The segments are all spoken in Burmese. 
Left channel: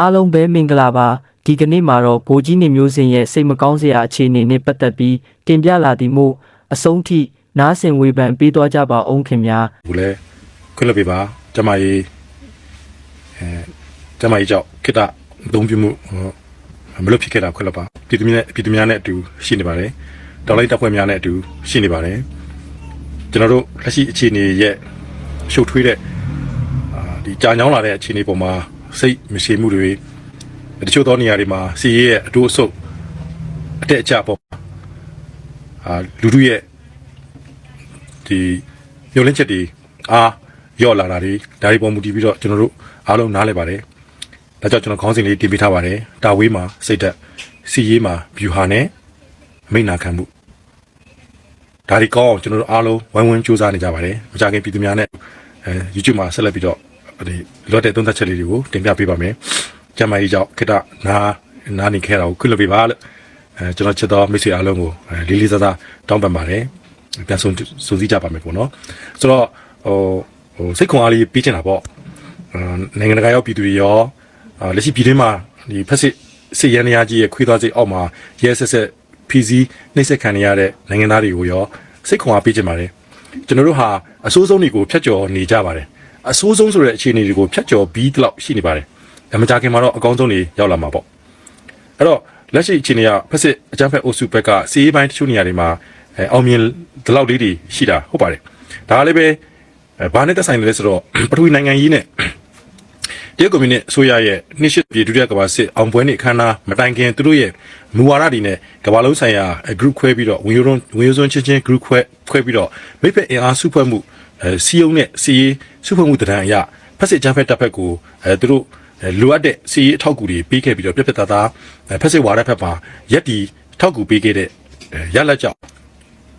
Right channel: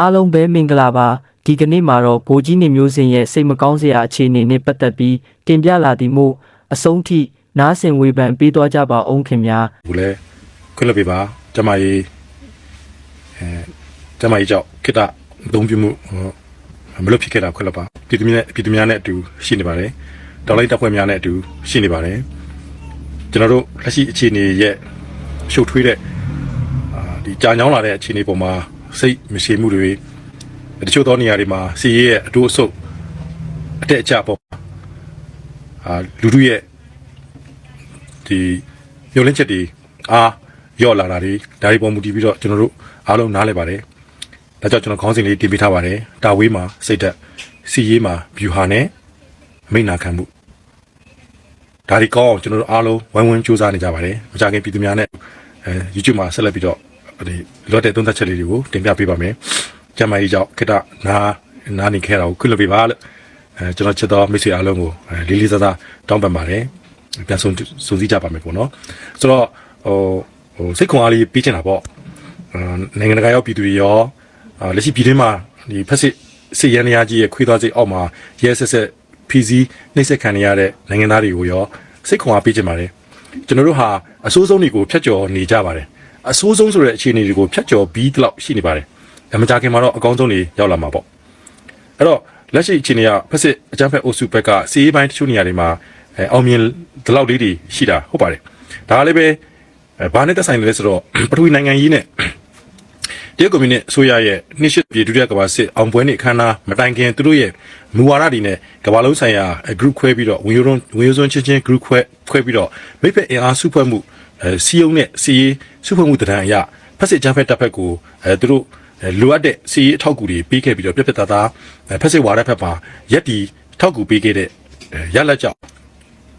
အားလုံးပဲမင်္ဂလာပါဒီကနေ့မှာတော့ဘိုးကြီးနေမျိုးစင်ရဲ့စိတ်မကောင်းစရာအခြေအနေနဲ့ပတ်သက်ပြီးတင်ပြလာသည်မို့အဆုံးထိနားဆင်ဝေဖန်ပေးသွားကြပါအောင်ခင်ဗျာဘူးလဲခွင့်လွှတ်ပေးပါကျမကြီးအဲကျမကြီးကြောင့်ခိတအသုံးပြုမှုဟိုမလို့ဖြစ်ခဲ့တာခွင့်လွှတ်ပါပြည်သူများနဲ့ပြည်သူများနဲ့အတူရှိနေပါတယ်တော်လိုက်တပ်ဖွဲ့များနဲ့အတူရှိနေပါတယ်ကျွန်တော်တို့လက်ရှိအခြေအနေရဲ့ရှုပ်ထွေးတဲ့အာဒီကြာညောင်းလာတဲ့အခြေအနေပေါ်မှာ စိတ်မရှိမှုတွေတချို့သောနေရာတွေမှာစီရဲရဲ့အတူအဆုပ်အတက်အကျပေါ့အာဒီမျောလင်းချက်တွေအားရော့လာတာတွေဒါတွေပေါ်မူတည်ပြီးတော့ကျွန်တော်တို့အားလုံးနားလည်ပါတယ်ဒါကြောင့်ကျွန်တော်ခေါင်းစဉ်လေးတင်ပြထားပါတယ်တာဝေးမှာစိတ်သက်စီရေးမှာဘျူဟာနဲ့မိတ်နာခံမှုဒါဒီကောင်းအောင်ကျွန်တော်တို့အားလုံးဝိုင်းဝန်းကြိုးစားနေကြပါတယ်မကြခင်ပြည်သူများနဲ့အဲ YouTube မှာဆက်လက်ပြီးတော့ ဒီလော့တဲ့သုံးသက်ချက်လေးတွေကိုတင်ပြပေးပါမယ်ကျွန်တော်ကြီးကြောင့်ခက်တာနားနားနေခဲ့တာကိုခုလိုပြပါလေအဲကျွန်တော်ချက်တော်မိတ်ဆွေအားလုံးကိုအဲလေးလေးစားစားတောင်းပန်ပါတယ်ပြန်ဆုံးစူးစီးကြပါမယ်ပေါ့နော်ဆိုတော့ဟိုဟိုစိတ်ခွန်အားလေးပြီးချင်တာပေါ့အာနိုင်ငံတကာရောက်ပြည်သူတွေရောအာလက်ရှိပြည်တွင်းမှာဒီဖက်စစ်စစ်ရန်ရာကြီးရဲ့ခွေးသွားစိတ်အောက်မှာရဲဆက်ဆက်ဖီစီနှိမ့်ဆက်ခံနေရတဲ့နိုင်ငံသားတွေကိုရောစိတ်ခွန်အားပေးချင်ပါတယ်ကျွန်တော်တို့ဟာအဆိုးဆုံးတွေကိုဖျက်ကျော်နေကြပါတယ် အဆိုးဆုံးဆိုတဲ့အခြေအနေတွေကိုဖျက်ကျော်ပြီးတလောက်ရှိနေပါတယ်အမကြခင်မှာတော့အကောင်းဆုံးတွေရောက်လာမှာပေါ့အဲ့တော့လက်ရှိအခြေအနေကဖက်စစ်အကြမ်းဖက်အုပ်စုဘက်ကစီးရေးပိုင်းတချို့နေရာတွေမှာအဲအောင်မြင်ဒီလောက်လေးတွေရှိတာဟုတ်ပါတယ်ဒါကလည်းပဲအဲဘာနဲ့သက်ဆိုင်လဲဆိုတော့ပထဝီနိုင်ငံရေးနဲ့တရုတ်ကွန်မြူနစ်အစိုးရရဲ့နှစ်ရှစ်ပြည်ဒုတိယကမ္ဘာစစ်အောင်ပွဲနေ့အခမ်းအနားမတိုင်ခင်သူတို့ရဲ့မူဝါဒတွေနဲ့ကမ္ဘာလုံးဆိုင်ရာ group ခွဲပြီးတော့ဝင်ရိုးဝင်ရိုးစွန်းချင်းချင်း group ခွဲခွဲပြီးတော့မိဖက်အင်အားစုဖွဲ့မှုအဲစီယုံနဲ့စီရေး စုဖွဲ့မှုတရံအရဖက်စစ်ဂျမ်းဖက်တပ်ဖက်ကိုအဲသူတို့အဲလိုအပ်တဲ့စီးအထောက်အကူတွေပေးခဲ့ပြီးတော့ပြက်ပြက်သားသားအဲဖက်စစ်ဝါဒဖက်မှာရက်တီထောက်ကူပေးခဲ့တဲ့အဲရလက်ကြောင့်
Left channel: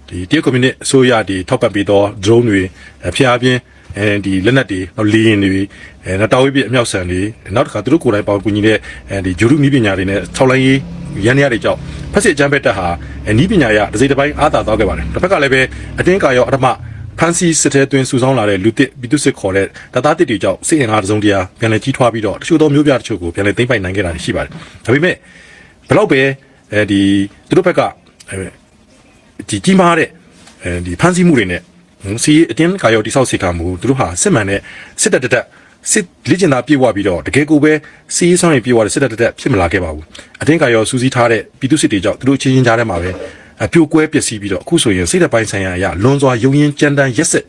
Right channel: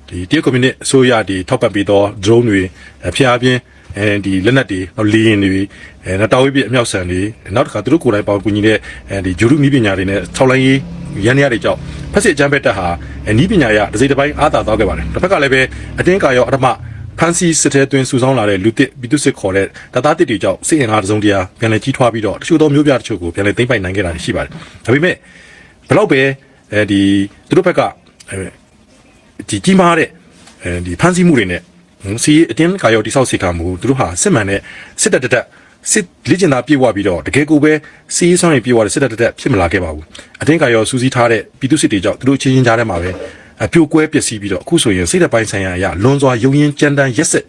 ဒီတရုတ်ကွန်မြူနစ်အစိုးရဒီထောက်ပံ့ပေးသော drone တွေအဲဖျားပြင်းအဲဒီလက်နက်တွေနောက်လေယာဉ်တွေအဲနောက်တာဝေးပြအမြောက်ဆန်တွေနောက်တစ်ခါသူတို့ကိုယ်တိုင်ပေါင်းကူညီတဲ့အဲဒီဂျူရုနီးပညာတွေနဲ့ထောက်လိုင်းရေးရန်ရတွေကြောင့်ဖက်စစ်အကြမ်းဖက်တပ်ဟာအဲနီးပညာရတစ်စိတ်တစ်ပိုင်းအားသာသွားခဲ့ပါတယ်တစ်ဖက်ကလည်းပဲအတင်းကာရောအထမ ဖန်စီစစ်တဲ့တွင်စုဆောင်းလာတဲ့လူတစ်ပြည်သူစစ်ခေါ်တဲ့တသားတစ်တွေကြောင့်စစ်ရင်အားတစ်စုံတရာပြန်လည်ကြီးထွားပြီးတော့တချို့သောမျိုးပြတချို့ကိုပြန်လည်သိမ့်ပိုင်နိုင်ခဲ့တာရှိပါတယ်။ဒါပေမဲ့ဘလောက်ပဲအဲဒီသူတို့ဘက်ကအဲဒီကြီးမားတဲ့အဲဒီဖန်စီမှုတွေနဲ့စီအတင်းကာရောတိဆောက်စီကမှုသူတို့ဟာစစ်မှန်တဲ့စစ်တပ်တက်စစ်လေ့ကျင့်သားပြေဝပြီးတော့တကယ်ကိုပဲစီးဆောင်ရင်ပြေဝတဲ့စစ်တပ်တက်ဖြစ်မလာခဲ့ပါဘူး။အတင်းကာရောစူးစီးထားတဲ့ပြည်သူစစ်တွေကြောင့်သူတို့ချင်းချင်းကြားထဲမှာပဲ အပြိုကွဲပျက်စီးပြီးတော့အခုဆိုရင်စိတ်တပိုင်းဆိုင်ရာအရလွန်စွာယုံရင်ကြမ်းတမ်းရက်ဆက်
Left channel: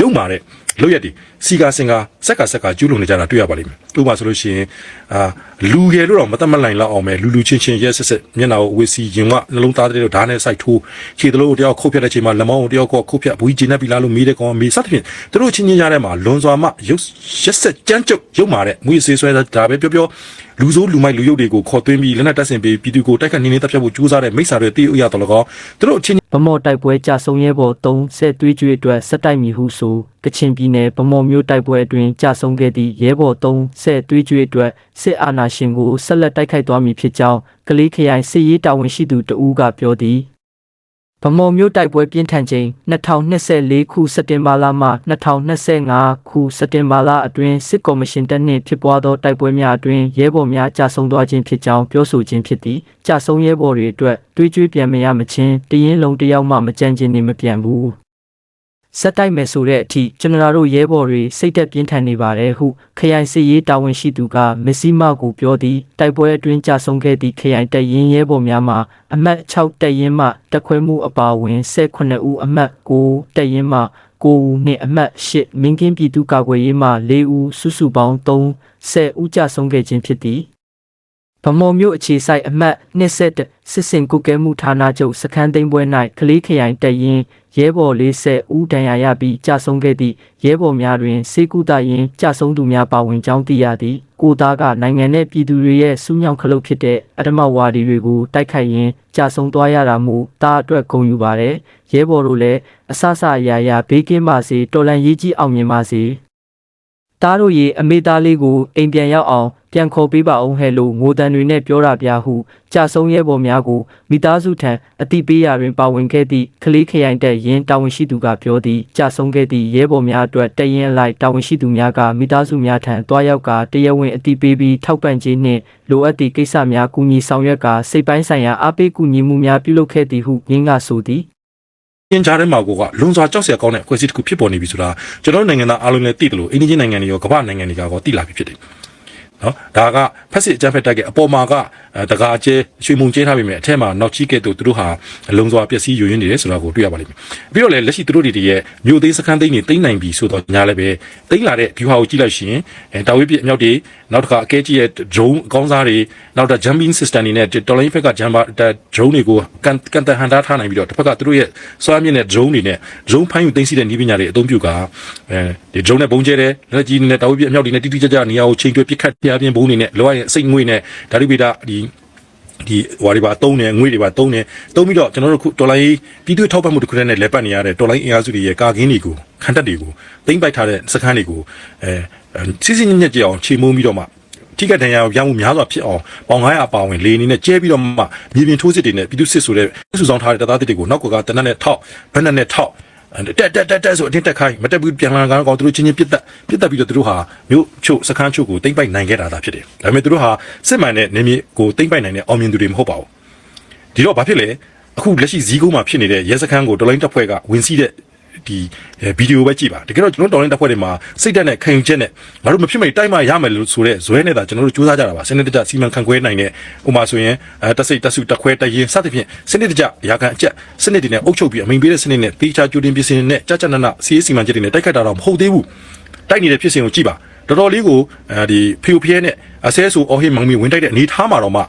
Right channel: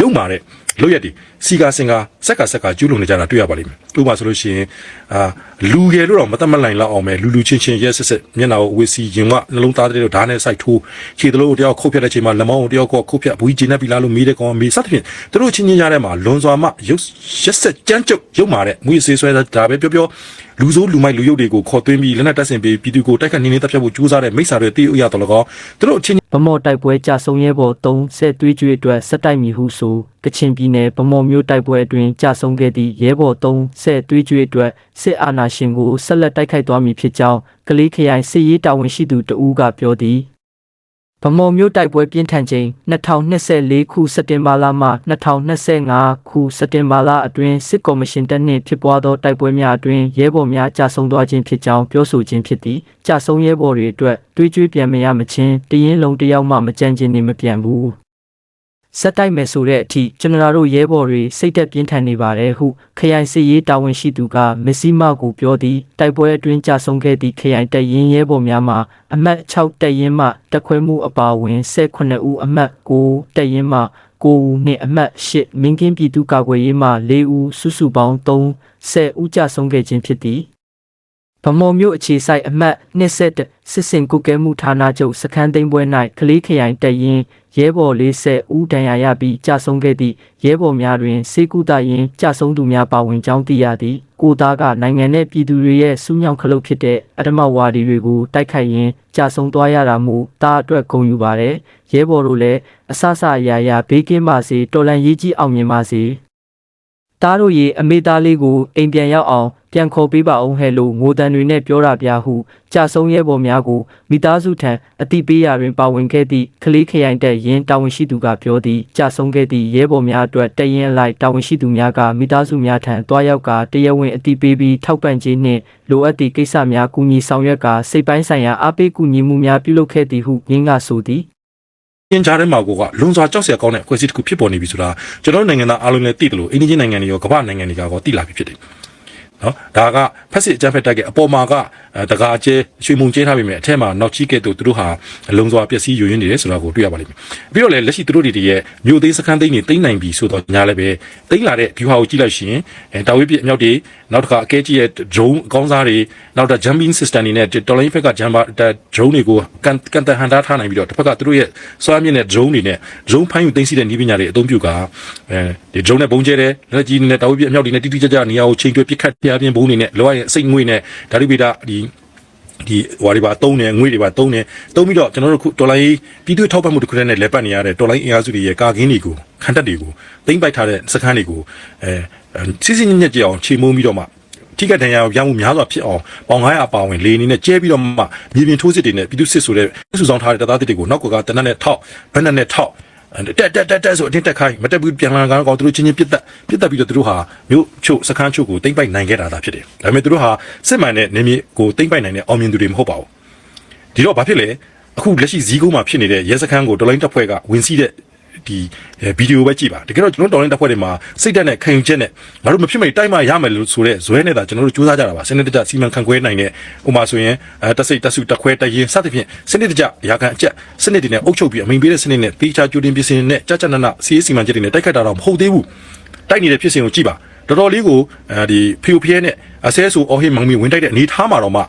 ရုံမာတဲ့လို့ရက်ဒီ စီကာစင်ကာစက်ကစက်ကကျူးလွန်နေကြတာတွေ့ရပါလိမ့်မယ်ဥပမာဆိုလို့ရှိရင်အာလူငယ်လို့တော့မတတ်မလိုက်လောက်အောင်ပဲလူလူချင်းချင်းရက်ဆက်ဆက်မျက်နှာကိုဝစ်စီရင်ကနှလုံးသားတဲ့တို့ဓာတ်နဲ့စိုက်ထိုးခြေတလို့တယောက်ခုတ်ဖြတ်တဲ့ချိန်မှာလက်မောင်းကိုတယောက်ခုတ်ဖြတ်ဘူးကြီးနေပြီလားလို့မေးတဲ့ကောင်မေးစသဖြင့်သူတို့ချင်းချင်းကြားထဲမှာလွန်စွာမှရုပ်ရက်ဆက်ကြမ်းကြုတ်ရုံမာတဲ့မွေးဆေးဆွဲတာပဲပြောပြောလူစိုးလူမိုက်လူရုပ်တွေကိုခေါ်သွင်းပြီးလက်နက်တပ်ဆင်ပြီးပြည်သူကိုတိုက်ခတ်နေနေတပ်ဖြတ်ဖို့ကြိုးစားတဲ့မိစ္ဆာတွေတည်ဥရတော်လကောသူတို့အချင်းဗမော်တိုက်ပွဲကြဆုံရဲဘော်3ဆဲသွေးကြွေအတွက်စက်တိုက်မီဟုဆိုကချင်ပြည်နယ်ဗမော်မြို့တိုက်ပွဲအတွင်းကြဆုံခဲ့သည့်ရဲဘော်3ဆဲသွေးကြွေအတွက်စစ်အာဏာရှင်ကိုဆက်လက်တိုက်ခိုက်သွားမည်ဖြစ်ကြောင်းကလေးခရိုင်စစ်ရေးတာဝန်ရှိသူတဦးကပြောသည်ဗမော်မြို့တိုက်ပွဲပြင်းထန်ချိန်2024ခုစက်တင်ဘာလမှ2025ခုစက်တင်ဘာလအတွင်းစစ်ကော်မရှင်တပ်နှင့်ဖြစ်ပွားသောတိုက်ပွဲများအတွင်းရဲဘော်များကြာဆုံးသွားခြင်းဖြစ်ကြောင်းပြောဆိုခြင်းဖြစ်သည်ကြာဆုံးရဲဘော်တွေအတွက်တွေးကြွေးပြန်မရမချင်းတရင်လုံးတစ်ယောက်မှမကြမ်းခြင်းနေမပြန်ဘူး စက်တိုက်မယ်ဆိုတဲ့အထိကျွန်တော်တို့ရဲဘော်တွေစိတ်သက်ပြင်းထန်နေပါတယ်ဟုခရိုင်စစ်ရေးတာဝန်ရှိသူကမစ္စည်းမကိုပြောသည်တိုက်ပွဲအတွင်းကြာဆုံးခဲ့သည့်ခရိုင်တပ်ရင်းရဲဘော်များမှာအမှတ်6တပ်ရင်းမှတက်ခွဲမှုအပါအဝင်18ဦးအမှတ်9တပ်ရင်းမှ9ဦးနှင့်အမှတ်8မင်းကင်းပြည်သူ့ကာကွယ်ရေးမှ4ဦးစုစုပေါင်း3 10ဦးကြာဆုံးခဲ့ခြင်းဖြစ်သည် ဗမော်မြို့အခြေဆိုင်အမှတ်27စစ်စင်ကုကဲမှုဌာနချုပ်စခန်းသိမ်းပွဲ၌ကလေးခရိုင်တပ်ရင်းရဲဘော်40ဦးဒဏ်ရာရပြီးကြာဆုံးခဲ့သည့်ရဲဘော်များတွင်စေကူတာရင်ကြာဆုံးသူများပါဝင်ကြောင်းသိရသည်ကိုသားကနိုင်ငံ내ပြည်သူတွေရဲ့စူးမြောင်ခလုတ်ဖြစ်တဲ့အဓမ္မဝါဒီတွေကိုတိုက်ခိုက်ရင်းကြာဆုံးသွားရတာမို့တားအတွက်ဂုဏ်ယူပါတယ်ရဲဘော်တို့လည်းအဆအဆအရာရာဘေးကင်းပါစေတော်လန်ရေးကြီးအောင်မြင်ပါစေတားတို့ရေအမေသားလေးကိုအိမ်ပြန်ရောက်အောင် ပြန်ခေါ်ပေးပါအောင်ဟဲ့လို့ငိုတန်တွေနဲ့ပြောတာပြဟုကြာဆုံးရဲဘော်များကိုမိသားစုထံအတိပေးရာတွင်ပါဝင်ခဲ့သည့်ကလေးခရိုင်တပ်ရင်းတာဝန်ရှိသူကပြောသည်ကြာဆုံးခဲ့သည့်ရဲဘော်များအတွက်တရင်အလိုက်တာဝန်ရှိသူများကမိသားစုများထံတွားရောက်ကတရားဝင်အတိပေးပြီးထောက်ပံ့ခြင်းနှင့်လိုအပ်သည့်ကိစ္စများကူညီဆောင်ရွက်ကစိတ်ပိုင်းဆိုင်ရာအားပေးကူညီမှုများပြုလုပ်ခဲ့သည်ဟုရင်းကဆိုသည်ပြင်ကြားထဲမှာကိုကလွန်စွာကြောက်စရာကောင်းတဲ့အဖွဲ့အစည်းတစ်ခုဖြစ်ပေါ်နေပြီဆိုတာကျွန်တော်တို့နိုင်ငံသားအားလုံးလည်းသိတယ်လို့အိန္ဒိယနိုင်ငံတွေရောကမ္ဘာနိုင်ငံတွေကရောသိလာပြီဖြစ်တယ် နော်ဒါကဖက်စစ်အကြမ်းဖက်တိုက်ကအပေါ်မှာကအဲတကားကျဲရွှေမုံကျဲထားပြီမဲ့အထက်မှာနောက်ချီးကဲ့သို့သူတို့ဟာလုံစွာပျက်စီးယွင်းနေတယ်ဆိုတာကိုတွေ့ရပါလိမ့်မယ်ပြီးတော့လည်းလက်ရှိသူတို့တွေရဲ့မြို့သိမ်းစခန်းသိမ်းတွေသိမ်းနိုင်ပြီဆိုတော့ညာလည်းပဲသိမ်းလာတဲ့ view ဟာကိုကြည့်လိုက်ရှင်အဲတာဝေးပြအမြောက်တွေနောက်တစ်ခါအကဲကြီးရဲ့ drone အကောင်းစားတွေနောက်တော့ jumping system တွေနဲ့တော်လိုင်းဖက်က jumper drone တွေကိုကန်ကန်တဟန်တာထားနိုင်ပြီးတော့တစ်ဖက်ကသူတို့ရဲ့စွမ်းမြင့်တဲ့ drone တွေနဲ့ drone ဖိုင်းယူသိမ်းစီတဲ့နည်းပညာတွေအသုံးပြုကအဲဒီ drone နဲ့ပုံကျဲတယ်လက်ကြီးနဲ့တာဝေးပြအမြောက်တွေနဲ့တိတိကျကျနေရာကိုချိန်တွဲပစ်ခတ်ပြပြင်းဘုံတွေနဲ့လောရရဲ့စိတ်ငွေ့နဲ့ဓာတုဗေဒဒီဒီဟွာတွေပါတုံးတယ်ငွေတွေပါတုံးတယ်တုံးပြီးတော့ကျွန်တော်တို့ခုတော်လိုင်းပြည်သူ့ထောက်ပံ့မှုတစ်ခုတည်းနဲ့လက်ပတ်နေရတဲ့တော်လိုင်းအင်အားစုတွေရဲ့ကာကင်းတွေကိုခန်းတက်တွေကိုသိမ့်ပိုက်ထားတဲ့စခန်းတွေကိုအဲစစ်စစ်ညက်ညက်ကြအောင်ချိန်မုံပြီးတော့မှထိကတန်ရာရောင်းမှုများစွာဖြစ်အောင်ပေါင်900ပါဝင်လေအနေနဲ့ကျဲပြီးတော့မှမြေပြင်ထိုးစစ်တွေနဲ့ပြည်သူစစ်ဆိုတဲ့စုဆောင်ထားတဲ့တပ်သားတွေကိုနောက်ကွက်ကတနက်နဲ့ထောက်ဘက်နဲ့ထောက် တက်တက်တက်တက်ဆိုအတင်းတက်ခိုင်းမတက်ဘူးပြန်လာကောင်ကောင်သူတို့ချင်းချင်းပြစ်တက်ပြစ်တက်ပြီးတော့သူတို့ဟာမြို့ချုပ်စခန်းချုပ်ကိုတိမ့်ပိုက်နိုင်ခဲ့တာဖြစ်တယ်။ဒါပေမဲ့သူတို့ဟာစစ်မှန်တဲ့နေမီကိုတိမ့်ပိုက်နိုင်တဲ့အောင်မြင်သူတွေမဟုတ်တော့ဘူး။ဒီတော့ဘာဖြစ်လဲအခုလက်ရှိဇီးကုန်းမှာဖြစ်နေတဲ့ရဲစခန်းကိုတော်လိုင်းတပ်ဖွဲ့ကဝင်စီးတဲ့ ဒီဗီဒီယိုပဲကြည့်ပါတကယ်တော့ကျွန်တော်တော်လိုင်းတပ်ဖွဲ့တွေမှာစိတ်ဓာတ်နဲ့ခံယူချက်နဲ့ငါတို့မဖြစ်မိတိုက်မှရမယ်လို့ဆိုတဲ့ဇွဲနဲ့သာကျွန်တော်တို့စူးစမ်းကြတာပါစနစ်တကျစီမံခန့်ခွဲနိုင်တဲ့ဥမာဆိုရင်အဲတက်စိတ်တက်စုတက်ခွဲတရင်စသဖြင့်စနစ်တကျရာခံအကျက်စနစ်တွေနဲ့အုပ်ချုပ်ပြီးအမိန်ပေးတဲ့စနစ်နဲ့တေချာကြိုတင်ပြင်ဆင်နဲ့ကြကြနနစီးစီမံချက်တွေနဲ့တိုက်ခိုက်တာတော့မဟုတ်သေးဘူးတိုက်နေတဲ့ဖြစ်စဉ်ကိုကြည့်ပါတော်တော်လေးကိုအဲဒီဖီယိုဖီယဲနဲ့အဆဲဆူအော်ဟေးမောင်မီဝင်တိုက်တဲ့အနေထားမှာတော့မှ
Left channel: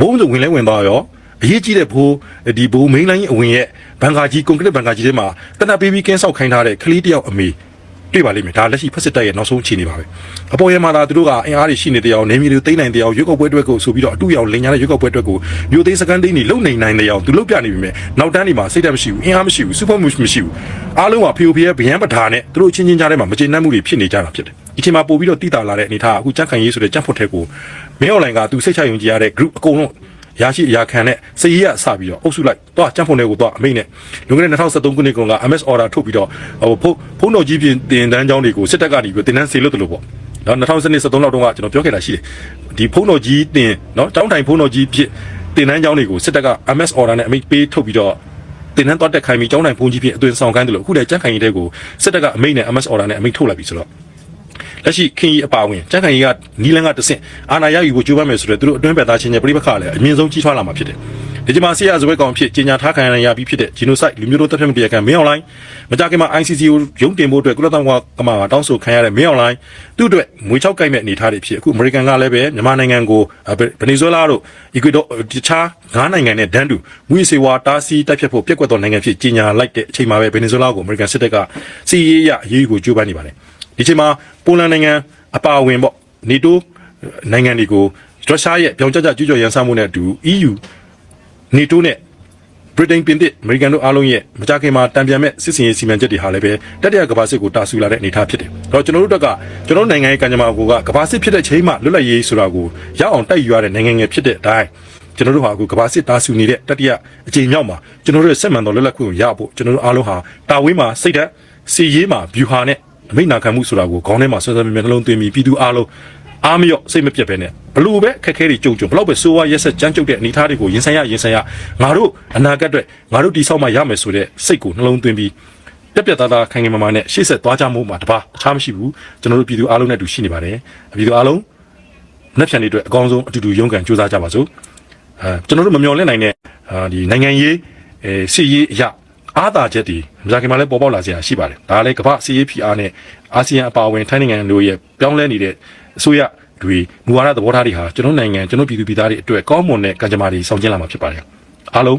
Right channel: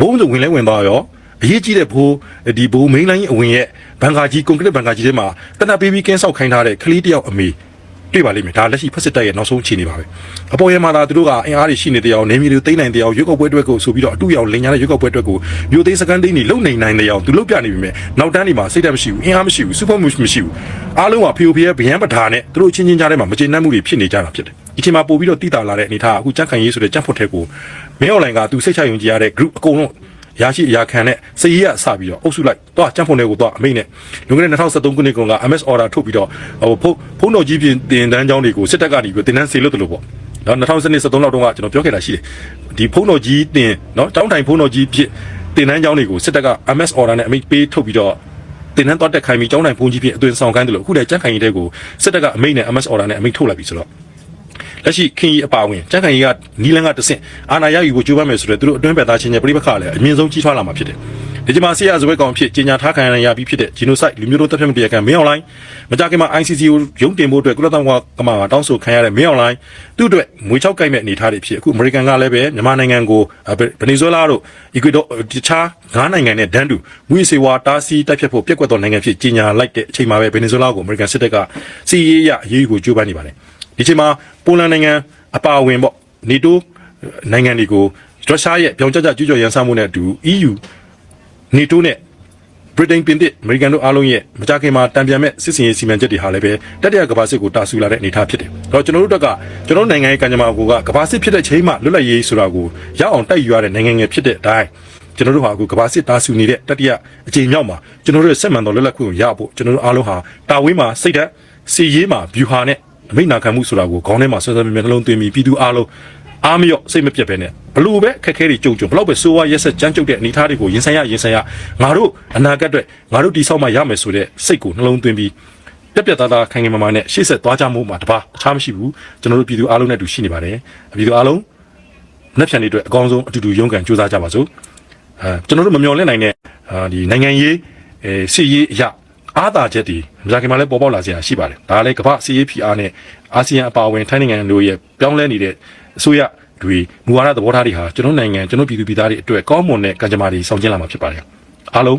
ဘုံစုံဝင်လဲဝင်သွားရော အရေးကြီးတဲ့ဘိုးဒီဘိုးမိန်းလိုင်းအဝင်ရဲ့ဘန်ကာကြီးကွန်ကရစ်ဘန်ကာကြီးထဲမှာတနပ်ပေးပြီးကင်းဆောက်ခိုင်းထားတဲ့ကလေးတယောက်အမေတွေ့ပါလိမ့်မယ်ဒါလက်ရှိဖက်စစ်တပ်ရဲ့နောက်ဆုံးအခြေအနေပါပဲအပေါ်ရမှာသာသူတို့ကအင်အားတွေရှိနေတဲ့အကြောင်းနေမျိုးတွေသိမ့်နိုင်တဲ့အကြောင်းရွက်ကောက်ပွဲအတွက်ကိုဆိုပြီးတော့အတူရောက်လင်ညာတဲ့ရွက်ကောက်ပွဲအတွက်ကိုမျိုးသိမ်းစကန်သိန်းတွေလုံနိုင်နိုင်တဲ့အကြောင်းသူလုတ်ပြနေပြီမဲ့နောက်တန်းတွေမှာစိတ်ဓာတ်မရှိဘူးအင်အားမရှိဘူးစူပါမှုမရှိဘူးအားလုံးကဖီယိုဖီရဲ့ဗျံပဓာနဲ့သူတို့ချင်းချင်းကြားထဲမှာမကျေနပ်မှုတွေဖြစ်နေကြတာဖြစ်တယ်ဒီချိန်မှာပို့ပြီးတော့တိတာလာတဲ့အနေထားအခုကြက်ခံရေးဆိုတဲ့ကြက်ဖွတ်ထဲကိုမင်းအွန်လိုင်းကသူစိတ်ချယုံကြည်ရတဲ့ group အကုန်လုံး ရရှိရာခံနဲ့စည်ရအစပြီးတော့အုပ်စုလိုက်တော့ကြံ့ဖုန်တွေကိုတော့အမိတ်နဲ့လွန်ခဲ့တဲ့2023ခုနှစ်ကောင်က MS order ထုတ်ပြီးတော့ဟိုဖုန်းဖုန်းတော်ကြီးပြင်တင်တန်းကျောင်းတွေကိုစစ်တပ်ကနေပြီးတင်တန်းစေလို့တလို့ပေါ့နော်2023လောက်တုန်းကကျွန်တော်ပြောခဲ့တာရှိတယ်ဒီဖုန်းတော်ကြီးတင်နော်ကျောင်းတိုင်ဖုန်းတော်ကြီးဖြစ်တင်တန်းကျောင်းတွေကိုစစ်တပ်က MS order နဲ့အမိတ်ပေးထုတ်ပြီးတော့တင်တန်းတော့တက်ခိုင်းပြီးကျောင်းတိုင်ဖုန်းကြီးဖြစ်အသွင်ဆောင်ခိုင်းတယ်လို့အခုလည်းကြက်ခိုင်ရေးတဲ့ကိုစစ်တပ်ကအမိတ်နဲ့ MS order နဲ့အမိတ်ထုတ်လိုက်ပြီဆိုတော့ လက်ရှိခင်ကြီးအပါဝင်ကြက်ခိုင်ကြီးကနီလန်ကတဆင့်အာနာရယူကိုကြိုးပမ်းမယ်ဆိုတော့သူတို့အတွင်းပက်သားချင်းချင်းပြိပခါလည်းအမြင့်ဆုံးကြီးထွားလာမှာဖြစ်တယ်ဒီကြမှာဆီယာဇဝဲကောင်ဖြစ်ကြီးညာထားခံရပြီးဖြစ်တဲ့ genocide လူမျိုးတို့တပ်ဖြတ်မှုတရားခံမင်းအောင်လိုင်းမကြခင်မှာ ICC ကိုရုံးတင်ဖို့အတွက်ကုလသမဂ္ဂကမှာတောင်းဆိုခံရတဲ့မင်းအောင်လိုင်းသူ့အတွက်မွေချောက်ကိုက်မဲ့အနေထားတွေဖြစ်အခုအမေရိကန်ကလည်းပဲမြန်မာနိုင်ငံကိုဗနီဇွဲလားတို့အီကွေဒေါတခြားငါးနိုင်ငံနဲ့ဒန်းတူမွေစေဝါတားဆီးတိုက်ဖြတ်ဖို့ပြက်ကွက်သောနိုင်ငံဖြစ်ကြီးညာလိုက်တဲ့အချိန်မှာပဲဗနီဇွဲလားကိုအမေရိကန်စစ်တပ်ကစီရေးရအရေးယူကိုကြိုးပမ်းနေပါတယ် ဒီချိန်မှာပိုလန်နိုင်ငံအပါအဝင်ပေါ့နေတိုးနိုင်ငံတွေကိုရုရှားရဲ့ပြောင်းကျကျကျူးကျော်ရန်စမှုနဲ့အတူ EU နေတိုးနဲ့ဗြိတိန်ပြင်သစ်အမေရိကန်တို့အားလုံးရဲ့မကြခင်မှာတံပြန်မဲ့စစ်စင်ရေးစီမံချက်တွေဟာလည်းပဲတတိယကမ္ဘာစစ်ကိုတာဆူလာတဲ့အနေအထားဖြစ်တယ်။တော့ကျွန်တော်တို့တက်ကကျွန်တော်နိုင်ငံရဲ့ကံကြမ္မာကိုကကမ္ဘာစစ်ဖြစ်တဲ့ချိန်မှလွတ်လပ်ရေးဆိုတာကိုရအောင်တိုက်ယူရတဲ့နိုင်ငံငယ်ဖြစ်တဲ့အတိုင်းကျွန်တော်တို့ဟာအခုကမ္ဘာစစ်တာဆူနေတဲ့တတိယအကြိမ်မြောက်မှာကျွန်တော်တို့ရဲ့စက်မှန်တော်လွတ်လပ်ခွင့်ကိုရဖို့ကျွန်တော်တို့အားလုံးဟာတာဝေးမှာစိတ်ဓာတ်စီရေးမှာဗျူဟာနဲ့ အမိန့်နာခံမှုဆိုတာကိုခေါင်းထဲမှာဆွဲဆွဲမြဲမြဲနှလုံးသွင်းပြီးပြည်သူအားလုံးအားမလျော့စိတ်မပြတ်ပဲနဲ့ဘလို့ပဲခက်ခဲတွေကြုံကြုံဘလို့ပဲစိုးဝါရက်ဆက်ကြမ်းကြုတ်တဲ့အနေအထားတွေကိုရင်ဆိုင်ရရင်ဆိုင်ရငါတို့အနာဂတ်အတွက်ငါတို့တိဆောက်မှရမယ်ဆိုတဲ့စိတ်ကိုနှလုံးသွင်းပြီးပြက်ပြက်သားသားခိုင်ခိုင်မာမာနဲ့ရှေ့ဆက်သွားကြမှုမှာတပါအခြားမရှိဘူးကျွန်တော်တို့ပြည်သူအားလုံးနဲ့အတူရှိနေပါတယ်ပြည်သူအားလုံးနှစ်ဖြန်တွေအတွက်အကောင်းဆုံးအတူတူရုန်းကန်ကြိုးစားကြပါစို့အဲကျွန်တော်တို့မမျှော်လင့်နိုင်တဲ့အာဒီနိုင်ငံရေးအဲစီရေးအရာ အားသာချက်တွေမကြခင်မှာလည်းပေါ်ပေါက်လာစရာရှိပါတယ်ဒါလည်းကမ္ဘာစီရေး PR နဲ့အာဆီယံအပါအဝင်ထိုင်းနိုင်ငံတို့ရဲ့ပြောင်းလဲနေတဲ့အစိုးရတွေမူဝါဒသဘောထားတွေဟာကျွန်တော်နိုင်ငံကျွန်တော်ပြည်သူပြည်သားတွေအတွက်ကောင်းမွန်တဲ့ကံကြမ္မာတွေဆောင်ကျဉ်လာမှာဖြစ်ပါတယ်အားလုံး